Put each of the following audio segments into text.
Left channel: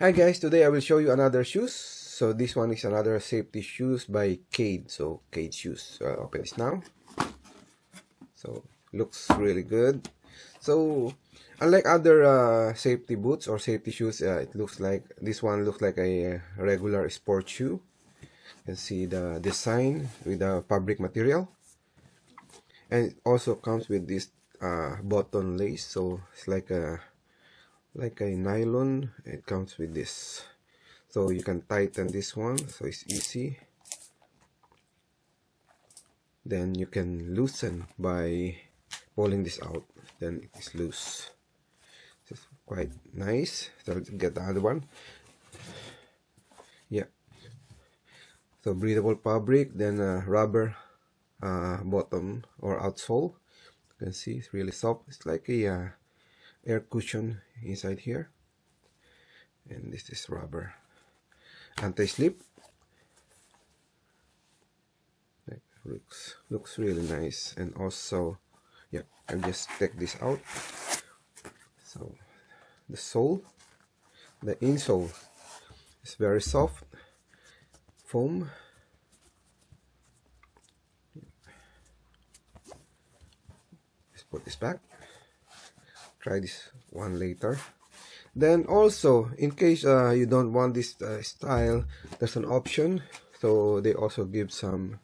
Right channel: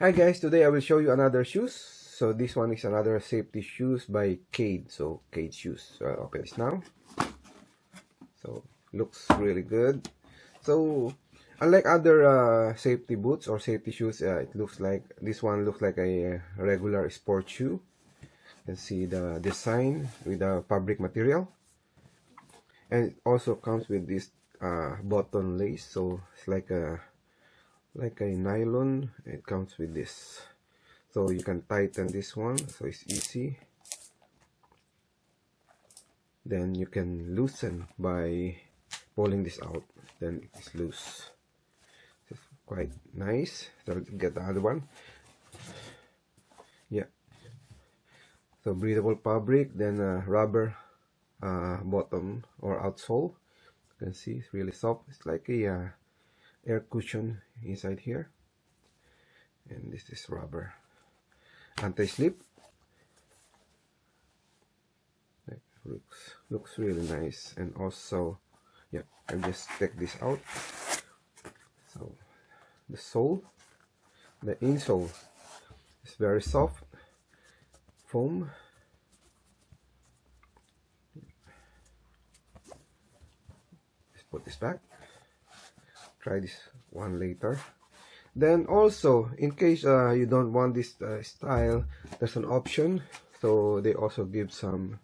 Hi guys, today I will show you another shoes. So this one is another safety shoes by Cade. So Cade Shoes. So I'll open this now. So looks really good. So unlike other safety boots or safety shoes, it looks like this one looks like a regular sport shoe. You can see the design with the fabric material, and it also comes with this button lace. So it's like a nylon. It comes with this. So you can tighten this one, so it's easy. Then you can loosen by pulling this out. Then it is loose. It's quite nice. So let's get the other one. Yeah. So breathable fabric, then rubber bottom or outsole. You can see it's really soft. It's like a air cushion inside here. And this is rubber. Anti-slip. Looks really nice. And also, yeah, I'll just take this out. So the sole, the insole is very soft foam. Let's put this back. Try this one later. Then also, in case you don't want this style, there's an option. So they also give some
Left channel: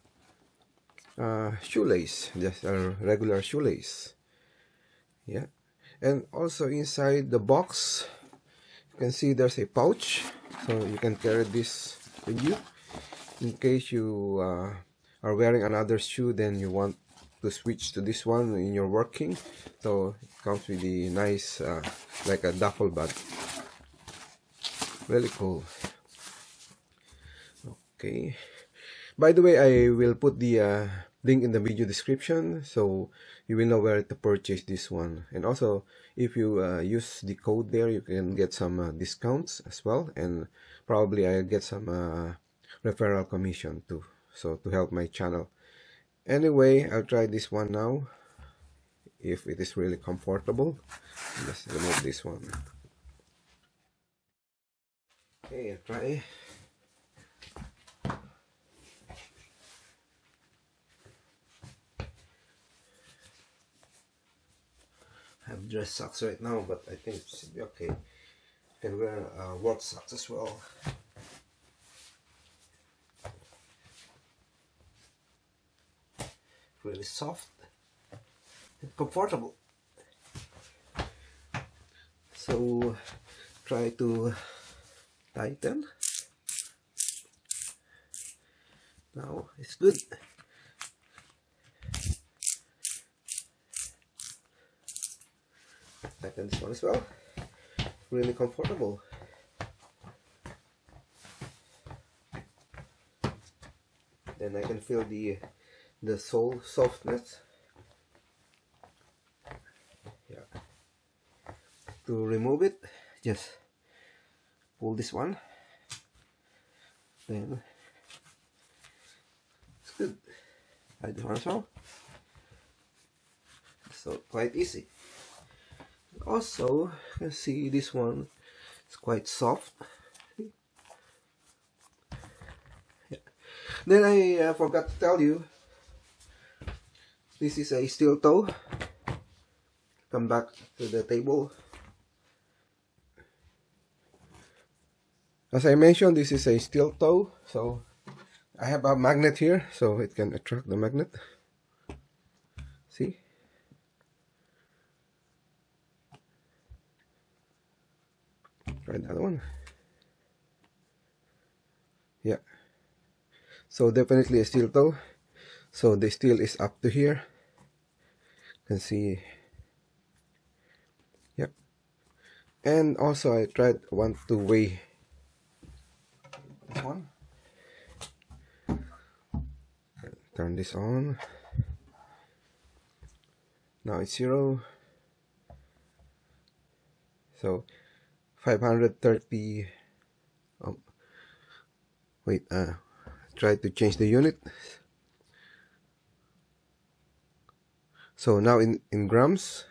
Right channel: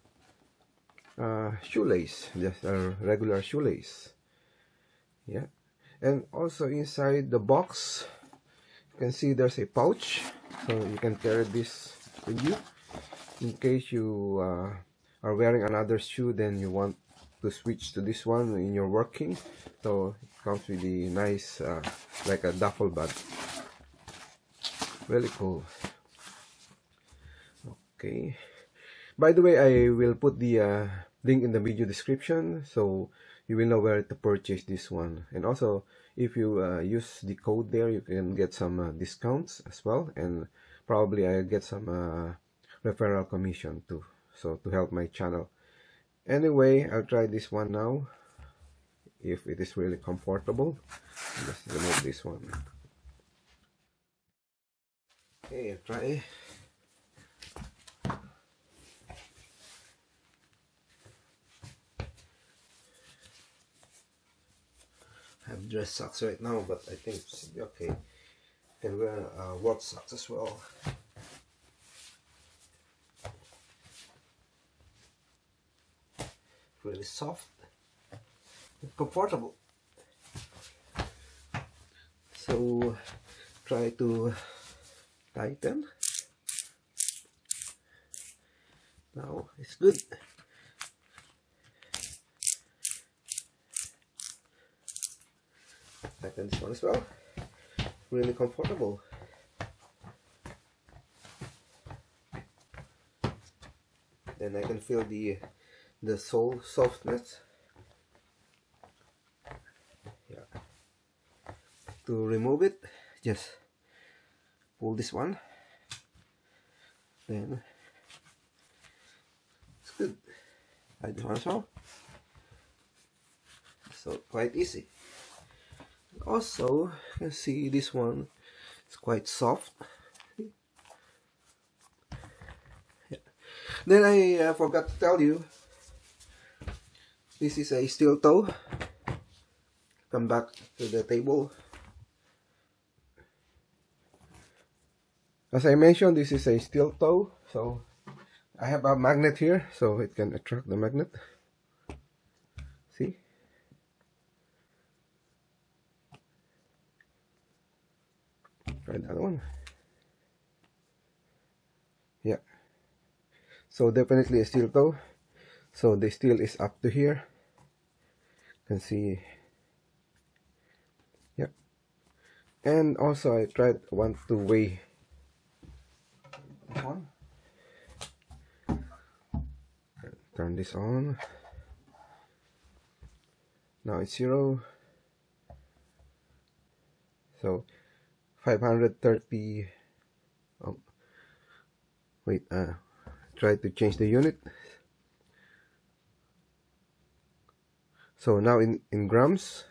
shoelace, just a regular shoelace. Yeah, and also inside the box, you can see there's a pouch, so you can carry this with you in case you are wearing another shoe, then you want to switch to this one when you're working. So it comes with the nice like a duffel bag. Really cool. Okay, by the way, I will put the link in the video description, so you will know where to purchase this one. And also, if you use the code there, you can get some discounts as well, and probably I'll get some referral commission too, so to help my channel. Anyway, I'll try this one now, if it is really comfortable. Let's remove this one. Okay, I'll try. I have dress socks right now, but I think it should be okay. Can wear work socks as well. Really soft and comfortable. So try to tighten. Now it's good. Tighten this one as well. Really comfortable. Then I can feel the sole softness. Yeah. To remove it, just pull this one. Then it's good. Like this one as well. So quite easy. Also, you can see this one is quite soft. Yeah. Then I forgot to tell you, this is a steel toe. Come back to the table. As I mentioned, this is a steel toe, so I have a magnet here, so it can attract the magnet. See? Try the other one. Yeah. So definitely a steel toe. So the steel is up to here. You can see. Yep. And also I want to weigh this one. Turn this on. Now it's 0. So 530. Oh, wait. Try to change the unit. So now in grams.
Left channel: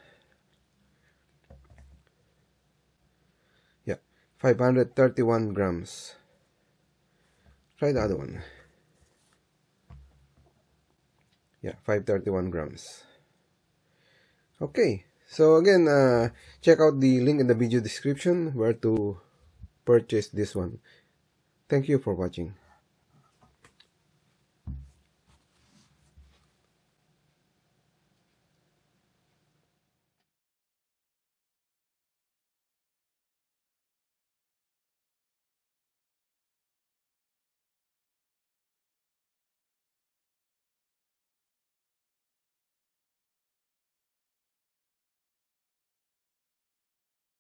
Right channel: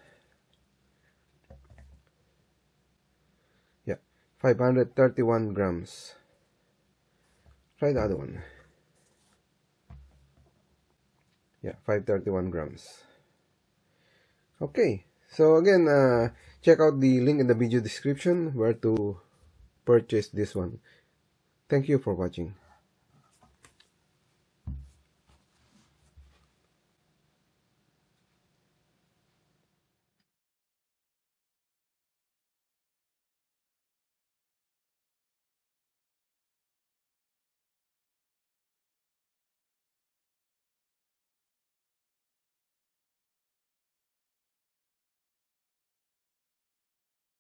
Yeah, 531 grams. Try the other one. Yeah, 531 grams. Okay, so again, check out the link in the video description where to purchase this one. Thank you for watching.